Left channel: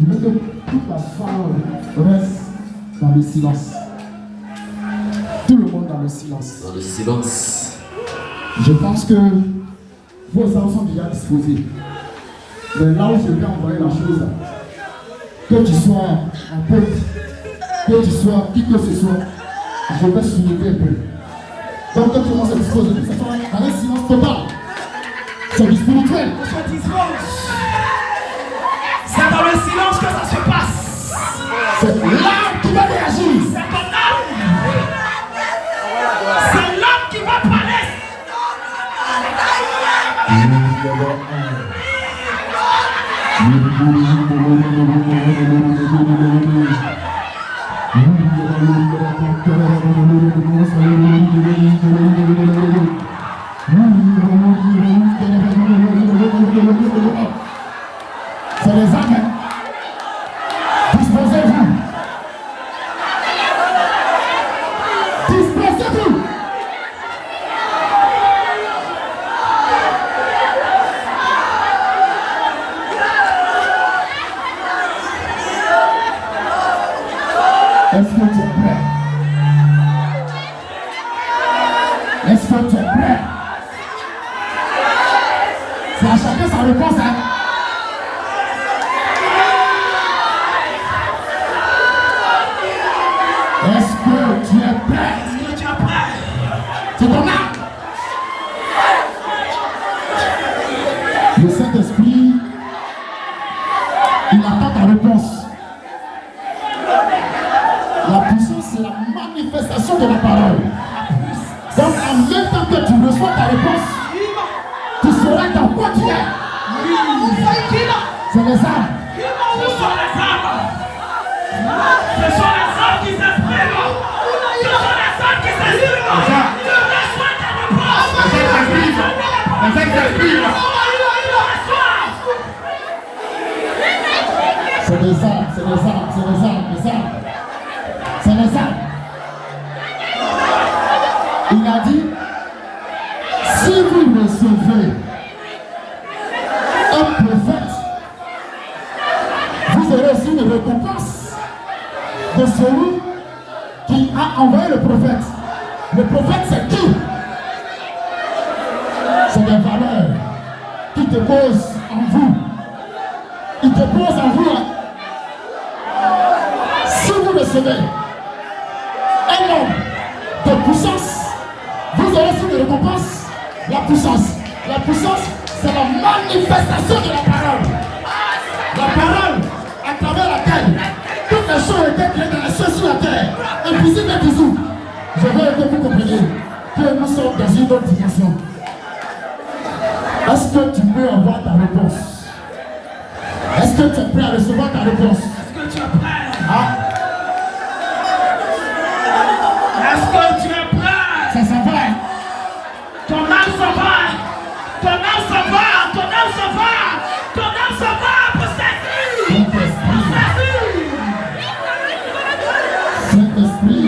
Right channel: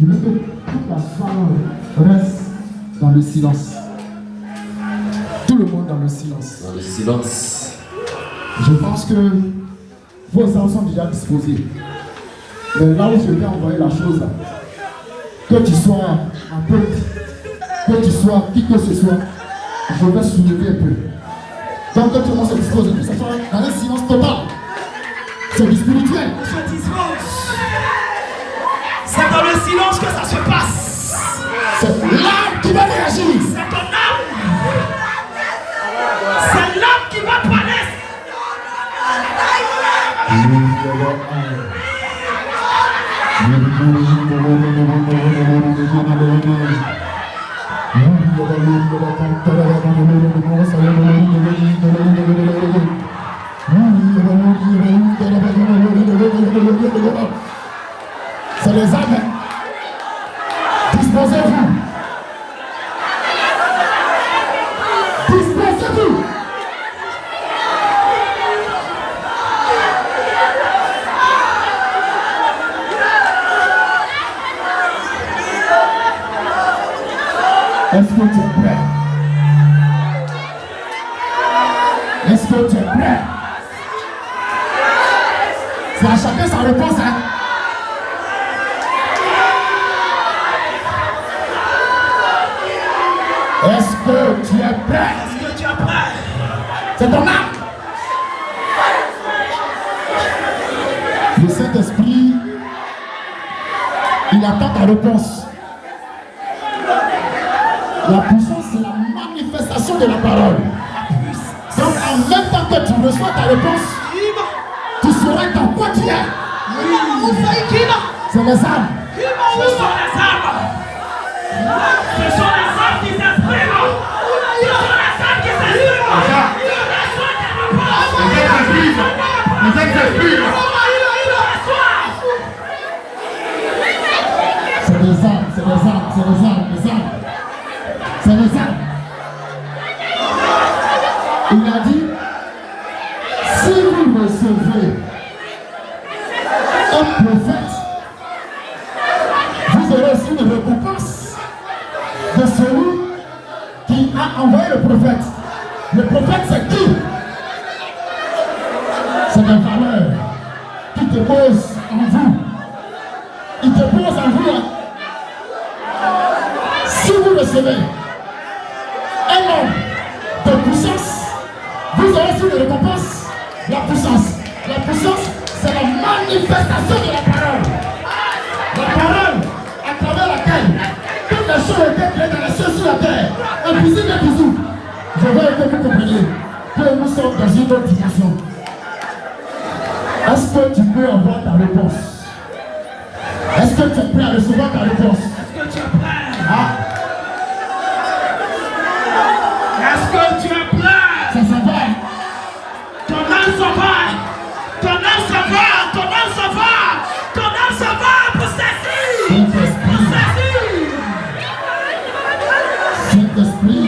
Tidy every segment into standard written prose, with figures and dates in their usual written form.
Je veux que toute la salle reste dans le silence. Tout le monde dans le silence. Dans le silence. Je pense que vos armes sont déjà disposés. Mais là où je vais envoyer la chose, que tu sois un peu, que tu sois qui que ce soit, je vais soulever un peu. Donc que tout le monde se dispose de tout ça, dans un silence total. C'est du spirituel. C'est dans le silence que ça se passe. C'est l'âme qui va réagir. C'est ton âme. C'est l'âme qui va parler. C'est les âmes. Disposez-vous. Disposez-vous. Est-ce que tu es prêt? Est-ce que tu es prêt? C'est à chacun sa réponse, hein? Est-ce que tu es prêt? Est-ce que tu es prêt? C'est ton âme. Le Saint-Esprit, il attend ta réponse. La puissance, c'est la manifestation de la parole. Donc, en même temps que tu reçois ta réponse, tu sauras dans quoi tu es. C'est les âmes. Ce sont les âmes. Ce sont les âmes qui s'expriment. Ce sont les âmes qui s'expriment. Reçois ta réponse. C'est les âmes, c'est les âmes, c'est les âmes, les âmes. C'est les âmes. Il a dit, si vous recevez un prophète, vous aurez aussi une récompense de celui qui a envoyé le prophète. Le prophète, c'est qui? C'est des valeurs qui te posent en vous. Il te pose en vous. Si vous recevez un homme de puissance, vous aurez aussi une récompense. La puissance. La puissance, c'est la manifestation de la parole. La parole à travers laquelle toutes les choses étaient créées dans les cieux sur la terre. Invisible et visible. Je veux que vous compreniez que nous sommes dans une autre dimension. Est-ce que tu peux avoir ta réponse? Est-ce que tu es prêt à recevoir ta réponse? Est-ce que tu es prêt? Ah, Est-ce que tu es prêt? ça s'en va. Ton âme s'en va. Ton âme s'en va. Ton âme s'en va. Ton âme s'en va pour saisir. Pour saisir. Saint-Esprit,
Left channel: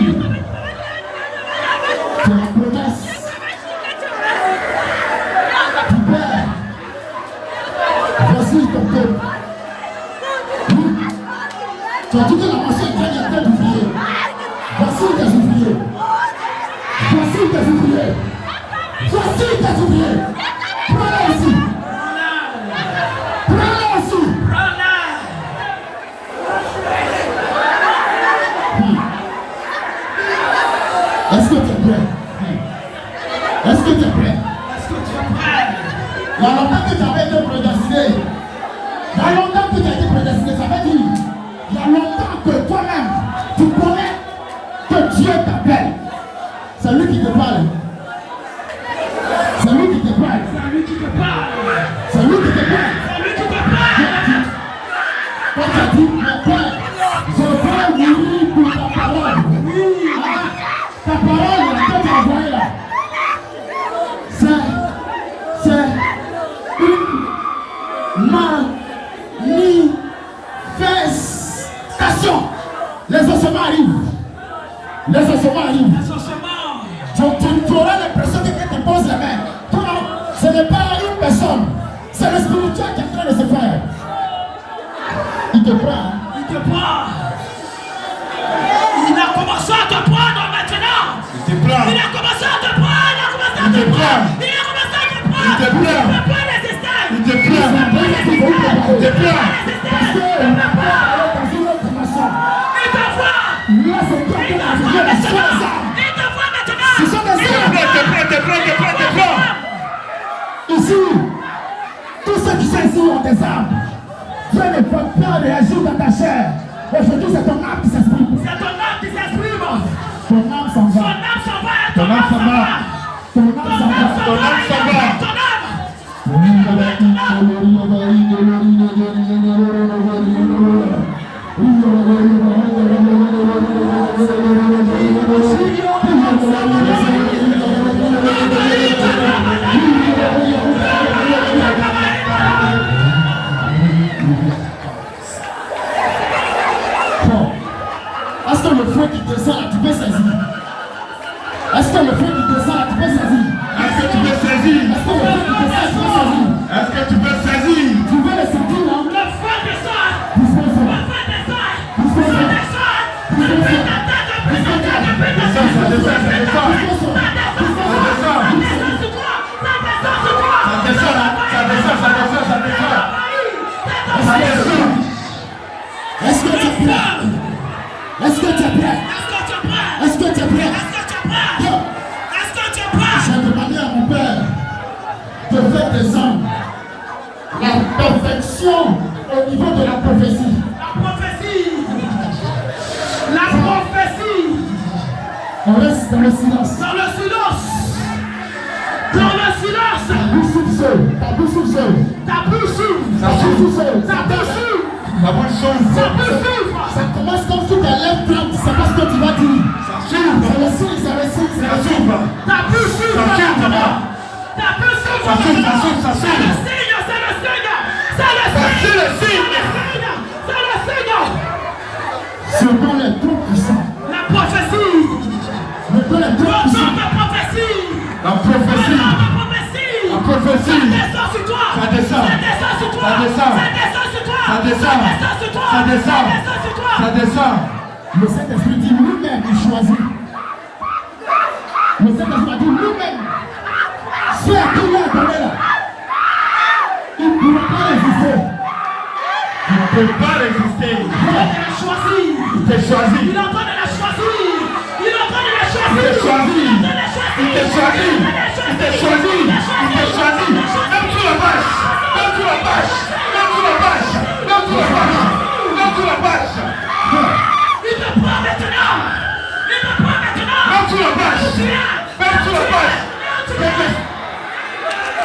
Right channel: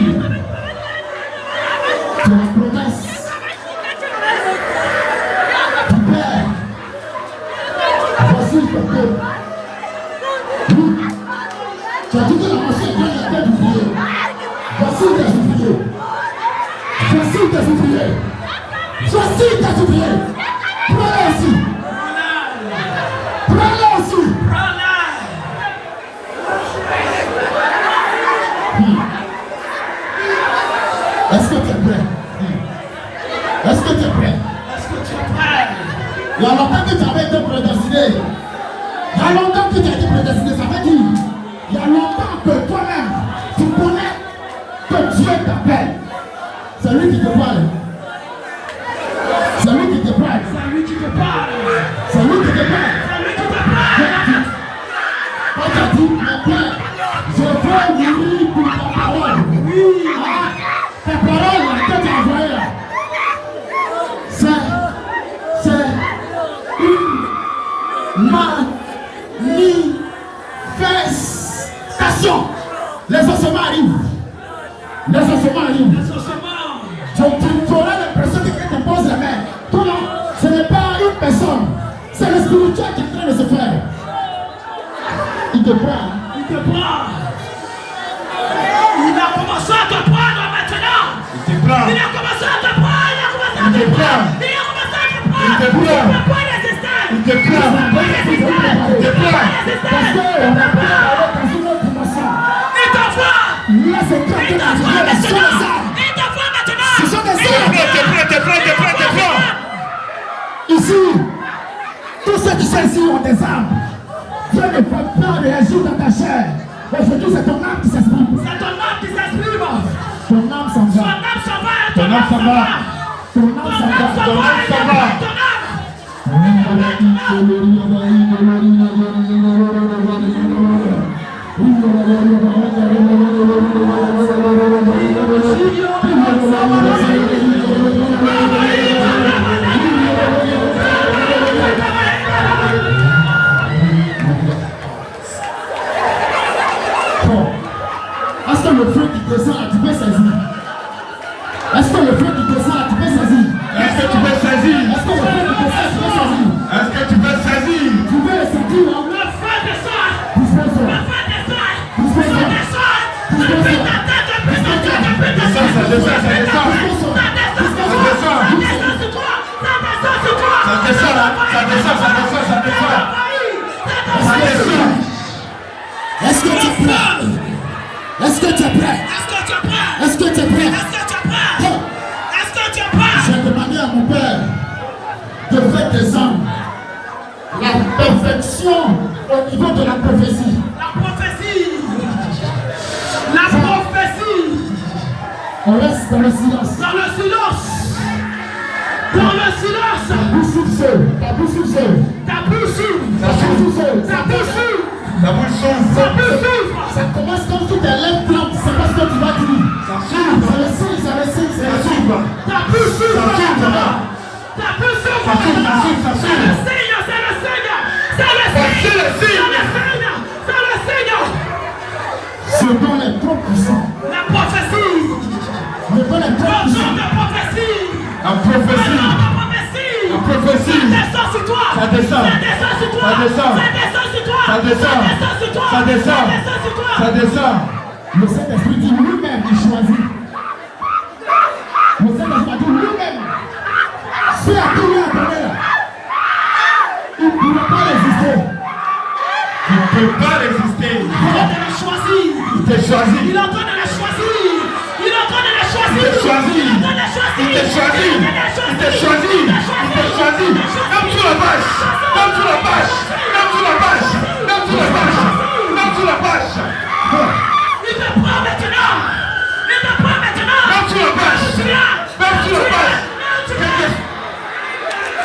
c'est la promesse du Père. Voici ton peuple. Oui. Tu as dit que la pensée est en train d'ouvrier. Voici tes ouvriers. Voici tes ouvriers. Voici tes ouvriers. Prends-les aussi. Prends-les aussi. Est-ce que tu es prêt? Est-ce que tu es prêt? Est-ce que tu es prêt? Il y a longtemps que tu avais été prédestiné. Il y a longtemps que tu as été prédestiné. Ça veut dire, il y a longtemps que toi-même, tu connais que Dieu t'appelle. C'est lui qui te parle. C'est lui qui te parle. C'est lui qui te parle. C'est lui qui te parle. C'est lui qui te parle. Quand tu as dit, mon Père, je veux mourir pour ta parole. Oui. Ta parole là, que tu as envoyée là. C'est une manifestation. Les ossements arrivent. Les ossements arrivent. Les ossements. Donc tu auras l'impression que quelqu'un te pose la main. Non, ce n'est pas une personne. spirituel qui est en train de se faire. Il te prend. Il te prend. Il a commencé à te prendre maintenant. Il te prend. Il a commencé à te prendre. Il a commencé à te Il te prendre. prend. Il a commencé à te prendre. Il te prend. Tu peux pas résister. Il te prend. Tu peux pas résister. Il te prend. Parce qu'on a peur dans une autre dimension. Il te voit. Là, c'est quand Il on te a voit vu la seule maintenant. arme. Il te voit maintenant. Ce sont des armes. Te prends. Ici, tous ceux qui sont ici ont des armes. Dieu ne peut pas réagir dans ta chair. Aujourd'hui, c'est ton âme qui s'exprime. C'est ton âme qui s'exprime. Ton âme s'en Ton va. âme s'en va. Ton âme s'en va. Ton âme s'en va. Ton âme s'en va. Ton âme. Est-ce que le feu qui descend, tu peux saisir? Est-ce que le feu qui descend, tu peux saisir? Est-ce que tu peux saisir? Est-ce que le feu qui descend, tu peux saisir? Est-ce que tu peux saisir? Tu veux le sentir, hein? Le feu descend. Tu fais ça. Le feu descend. Tu fais ça. Depuis ta tête, depuis ta tête, depuis ta tête. Ça descend. Ça descend sur toi. Ça descend sur toi. Ça descend. Est-ce que tu es prêt? Est-ce que tu es prêt? Est-ce que tu es prêt? Est-ce que tu es prêt? Est-ce que tu es prêt? Bon, Est-ce que tu es prêt? j'ai demandé à mon père de faire descendre la perfection au niveau de la prophétie. La prophétie. La prophétie. On reste dans le silence. Dans le silence. Dans le silence. Ta bouche s'ouvre seule. Ta bouche s'ouvre seule. Ta bouche s'ouvre. Ta bouche s'ouvre seule. Ta bouche s'ouvre. La bouche s'ouvre. Ta bouche s'ouvre. Ça commence comme si tes lèvres plantes, tu sais pas ce que tu vas dire. Ça s'ouvre. Ça le signe, ça le signe, ça Ça le signe. s'ouvre. Ta bouche s'ouvre. Ça s'ouvre. Ta bouche s'ouvre. Ça s'ouvre. Ça s'ouvre. Ça C'est s'ouvre. le signe. C'est le signe. C'est le Voici le signe. signe. C'est le signe. Ce nom est trop puissant. La prophétie. Le nom est trop Le puissant. nom de prophétie. La prophétie. La prophétie. La prophétie. Ça descend sur toi. Ça descend. Ça descend sur toi. Ça descend. Ça descend sur toi. Ça descend. Ça descend sur toi. Ça descend. Ça descend sur toi. Ça descend. Le Saint-Esprit dit lui-même, il choisit. Le Saint-Esprit a dit lui-même. Si à qui il a donné là, il ne pourra pas résister. Tu ne peux pas résister. Il a choisi. Il t'a choisi. Il est en train de la choisir. Il est en train de la Il choisir. t'a choisi. Il est en train de la choisir. Il t'a choisi. Il t'a choisi. Il t'a choisi. Même sur la bâche. Même sur la bâche. Même sur la bâche. Même sur la bâche. Même sur la bâche. Il te prend maintenant. Il te prend maintenant. Même sur la bâche. Même sur la bâche.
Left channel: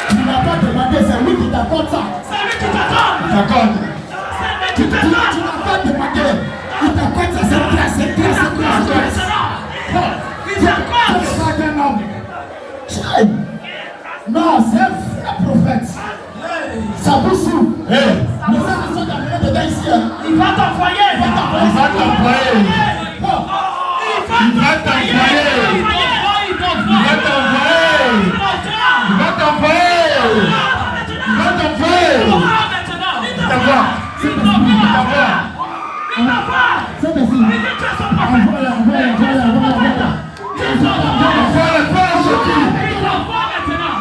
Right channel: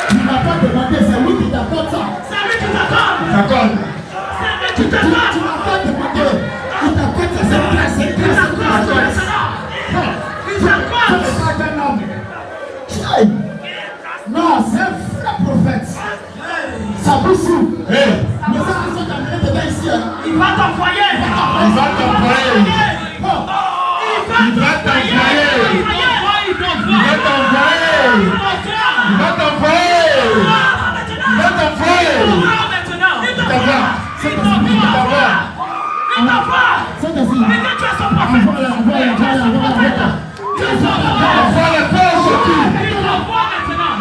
Tu n'as pas demandé, c'est lui qui t'accorde ça. C'est lui qui t'attend. T'accorde. C'est lui Tu qui n'as t'attend. pas demandé. Il t'accorde ça, c'est clair, c'est clair, c'est clair, c'est clair. Il Tu t'accorde. n'es pas qu'un homme. Chai. Non, c'est un vrai prophète. Ça vous s'ouvre. Hey. Mais ça, ils sont amenés dedans ici. Hein. Il va t'envoyer. Il va t'envoyer. Il va t'envoyer. Bon. Il va t'envoyer. Il va t'envoyer. Il va t'envoyer. Il va t'envoyer. Il t'envoie. C'est ainsi. C'est ainsi. Envoie-le, envoie-le, envoie-le, envoie-le. Envoie le feu sortir. Parle maintenant.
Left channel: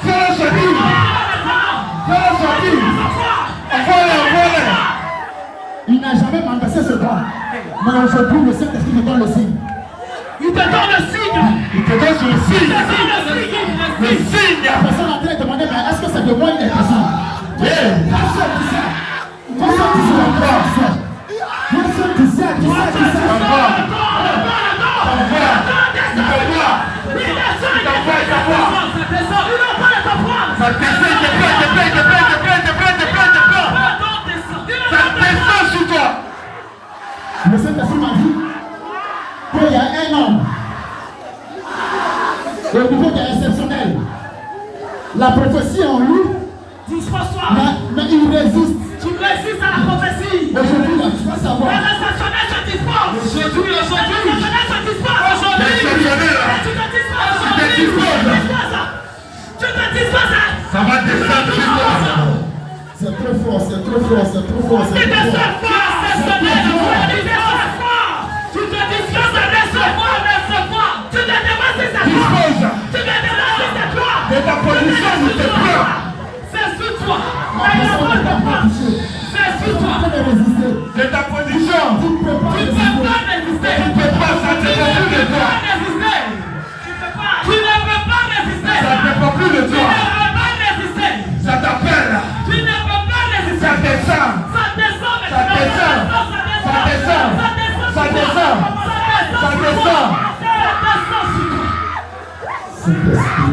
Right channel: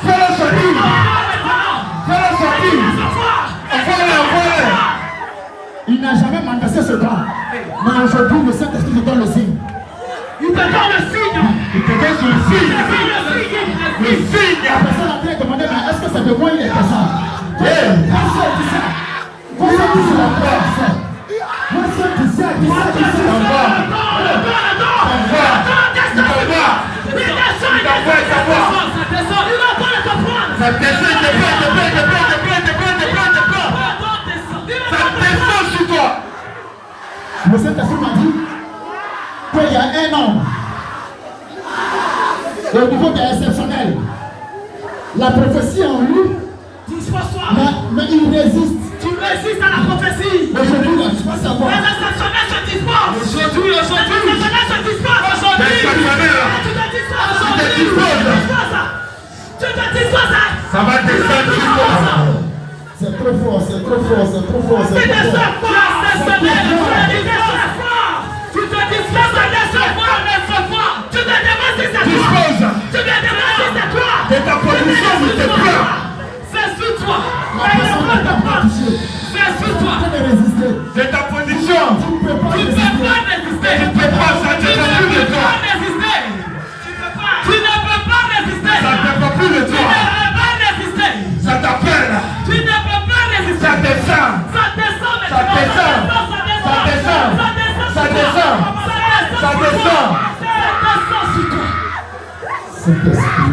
Fais-le sortir. Fais-le sortir. Envoie-le, envoie-le. Il n'a jamais mandaté ce gars. Mais aujourd'hui, le Saint-Esprit te donne le signe. Il te donne le signe. Il te donne le signe. Le signe. La personne a bien demandé, mais est-ce que c'est de moi il est question? Hey. Personne dit ça. Personne dit ça encore. Personne dit ça, dit ça, dit ça. Envoie. Envoie. Il t'envoie. Ça descend, il te prend, il te prend, il te prend, il te prend, il te prend, il te prend, il te prend. Ça descend sur toi. Le Saint-Esprit m'a dit qu'il y a un homme au niveau qui est exceptionnel. La prophétie en lui, Dispose-toi. mais il résiste. Tu résistes à la prophétie. Aujourd'hui, là, tu vas savoir. Les exceptionnels se disposent. Aujourd'hui. Les exceptionnels se disposent. Aujourd'hui. Les exceptionnels. Tu te disposes. Tu te disposes. Tu te Ça va descendre jusqu'au C'est trop fort, c'est trop fort, c'est trop fort, c'est trop fort. Tu te disposes à laisse-moi. Tu te démasses à toi. dispose Tu te démasses à toi. de ta position de tes plans. C'est sur toi. C'est sur toi. De ta position. Tu ne peux pas Tu ne résister. peux pas résister. Tu ne peux pas, ça ne dépend plus de toi. Tu ne peux pas résister. Ça ne dépend plus de Tu toi. ne peux pas résister. Ça t'appelle. Tu ne peux pas résister. Ça descend. Ça descend Ça descend. Ça descend. Ça descend. Ça descend. Saint-Esprit.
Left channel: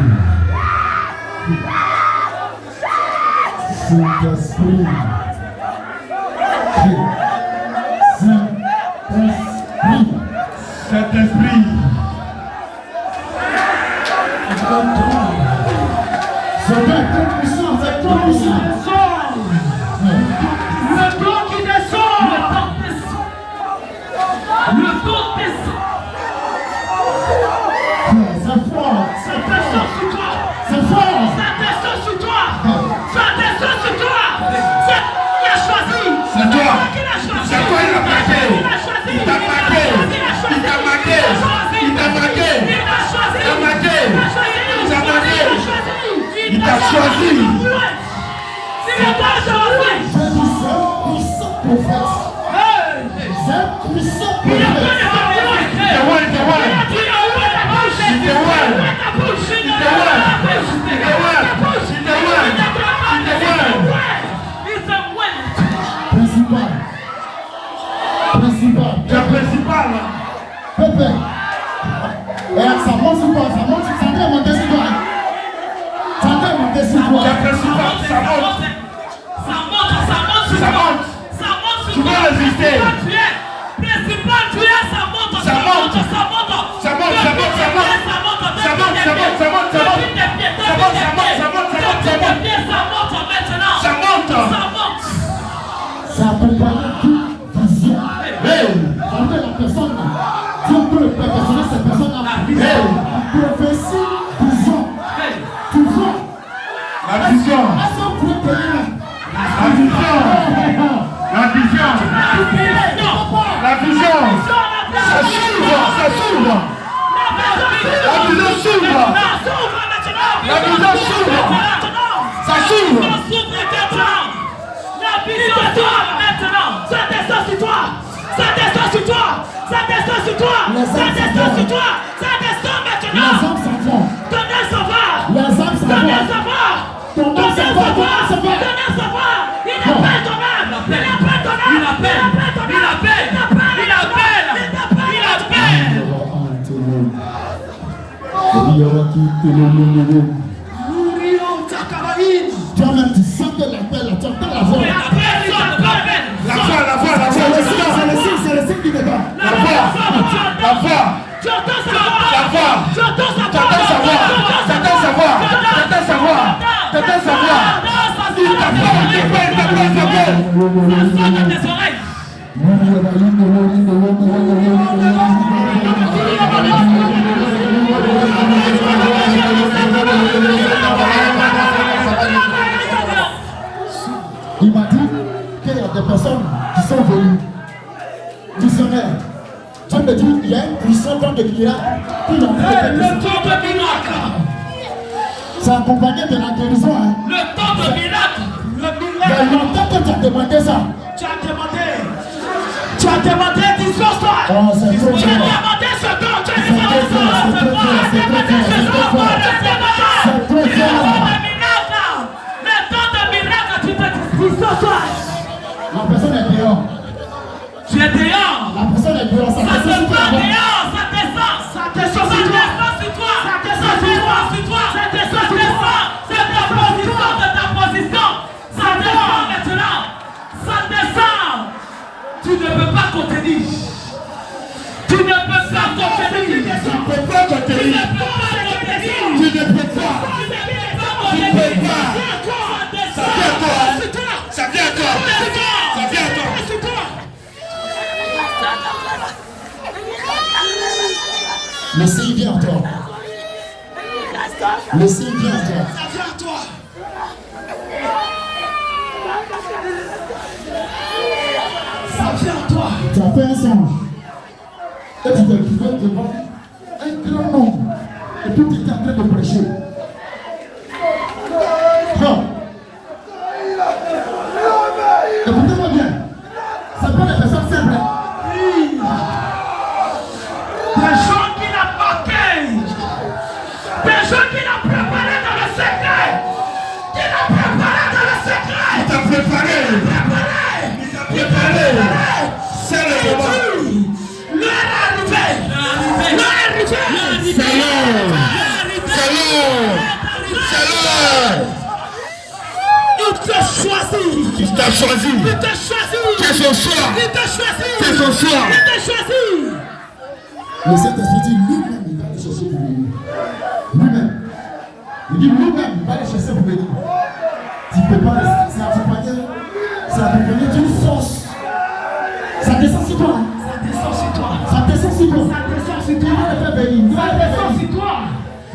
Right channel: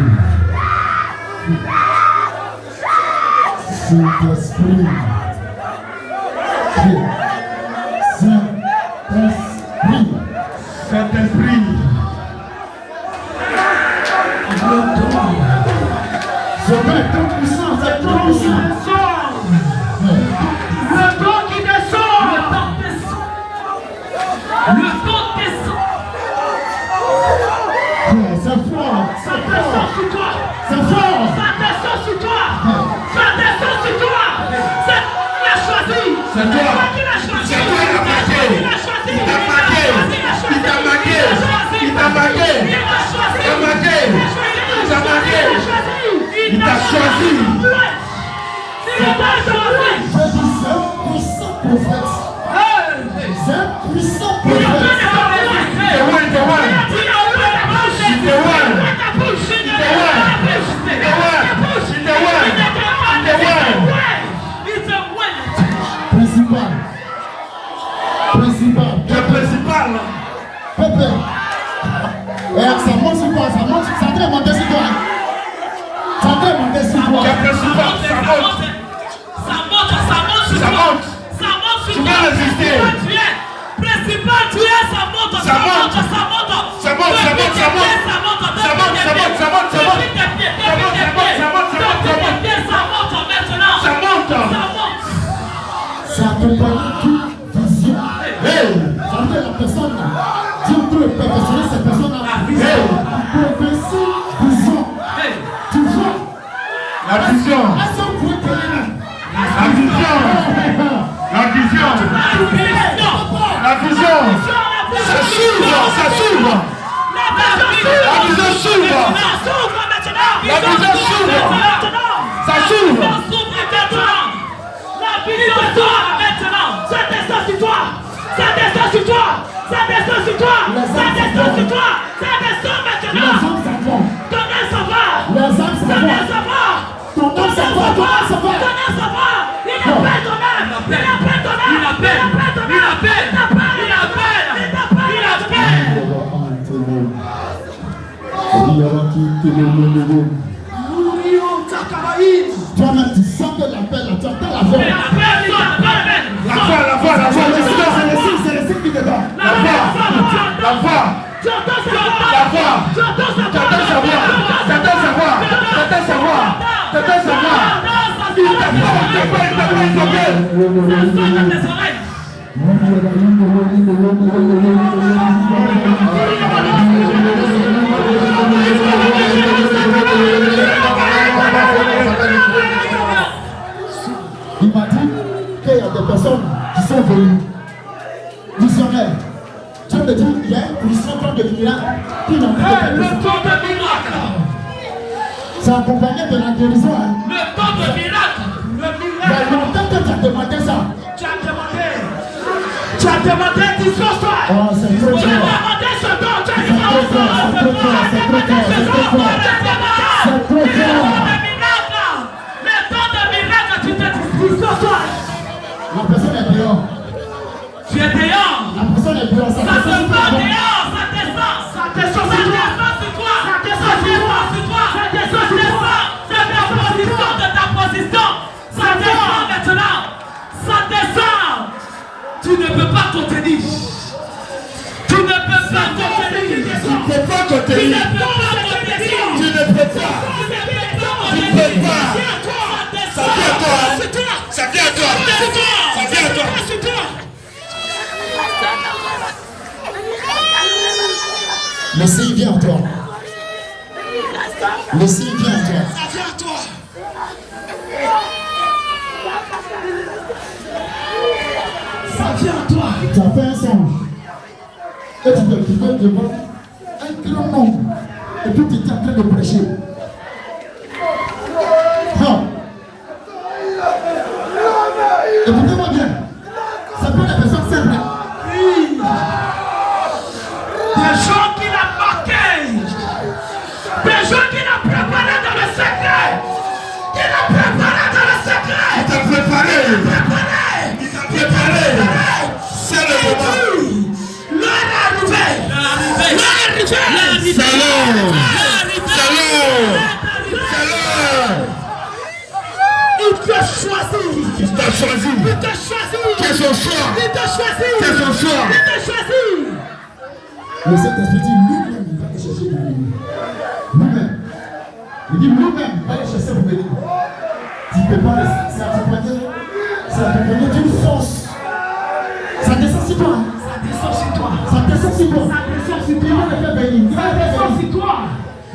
Saint-Esprit. Saint-Esprit. Saint-Esprit. C'est trop puissant, c'est trop puissant. Le don qui descend. Le don descend. C'est fort, Ça c'est descend fort, sur toi. c'est fort. Ça descend sur toi. Ça descend sur toi. C'est toi qui as choisi. C'est toi. Qui l'a choisi. C'est toi qui l'as marqué. Il a choisi. Il t'a marqué. Il t'a marqué. Il t'a marqué. Il a choisi. Il t'a marqué. Il t'a marqué. Il t'a choisi. Il t'a choisi. Je dis, c'est un puissant prophète. C'est un puissant Il a prophète. The one, the one. Principal. Principal. Le principal. Pépé. Et ça monte sur toi, ça monte, ça doit monter sur toi. Ça doit monter sur toi. Le principal, ça monte. Tu peux résister. Principal, tu es, ça monte. Ça monte. Ça monte, ça monte, ça monte. Ça monte, ça monte, ça monte, ça monte. Ça monte. Ça accompagne toute vision. Ça fait la personne, Dieu peut perfectionner cette personne-là. Prophétie, vision. Tu vois, La vision. est-ce que vous pouvez prier? La vision. La vision. La vision. Ça s'ouvre, ça s'ouvre. La vision s'ouvre. La vision s'ouvre. Ça s'ouvre. La vision s'ouvre maintenant. Ça descend sur toi. Ça descend sur toi. Ça descend sur toi. Ça descend sur toi. Ça descend Les maintenant. hommes s'en vont. Ton âme s'en va. Les hommes s'en Ton âme vont. s'en va. Ton âme s'en va, ton âme s'en va. Ton âme s'en va. Il appelle ton âme. Il appelle ton âme. Il appelle. Il appelle. Il appelle. Il appelle. Toi-même, tu sens que l'appel, tu entends la voix. La voix, la voix, la voix. C'est le signe du débat. La voix. La voix. Tu entends sa voix. La voix. Tu entends sa voix. T'entends sa voix. T'entends sa voix. T'entends sa voix. T'entends sa voix. Il t'appelle, il t'appelle, il t'appelle, il t'appelle. Ça sonne dans tes oreilles. Il m'a dit qu'il y a des personnes qui sont venues, visionnaires. Dieu me dit, il y a un puissant temps de miracle qui n'a pas fait Le temps de miracle. C'est accompagné de la guérison. Hein. Le temps de miracle. Le Il y a miracle. longtemps que tu as demandé ça. Tu as demandé. Tu as demandé, dispose-toi. Oh, c'est trop Tu as fort. demandé ce don. Tu as C'est trop fort, c'est trop fort, c'est trop fort, c'est trop fort. C'est trop fort. Le temps de miracle, tu te dispose-toi. La personne est dehors. Tu es dehors. La personne est dehors. Ça Ça te descend sur prend toi. dehors. Ça descend. Ça descend sur toi. Ça descend sur toi. Ça descend sur toi. C'est ta position de ta position. Ça descend maintenant. Ça descend. Tu ne peux pas contenir. Tu ne peux pas contenir. Tu ne peux pas Tu contenir. ne peux pas contenir. Tu ne peux pas. Tu ne peux pas. Ça vient à toi. Ça vient à toi. Ça vient à toi. Mais s'il vient à toi, Le signe vient à toi. Ça vient à toi. Ça vient à toi. Tu as fait un songe. Et tu te trouvais devant un grand nombre. Et puis tu étais en train de prêcher. Écoutez-moi bien. Ce n'est pas des personnes simples. Oui. Des gens qui n'ont marqué. Des gens qui l'ont préparé dans le secret. Qui l'ont préparé dans le secret. Il t'a préparé. Préparé. Il t'a préparé. C'est le moment. L'heure est arrivée. L'heure est arrivée. Salut. Salut. Il t'a choisi. Il t'a choisi. Il t'a choisi. C'est son soir. Il t'a choisi. C'est son soir. Il t'a choisi. Le Saint-Esprit dit lui-même, il va aller chercher pour venir. Lui-même. Il dit lui-même, il va aller chercher pour venir. Tu ne peux pas rester. C'est accompagné d'une force. Ça descend sur toi. Ça descend sur toi. Ça descend sur toi. Ça descend sur Il toi. va le faire bénir. Il va Ça le faire descend bénir. sur toi.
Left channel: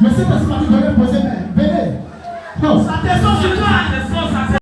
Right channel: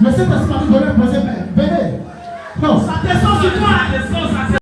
Mais c'est parce que tu dois poser, venez. Non. Ça descend sur toi.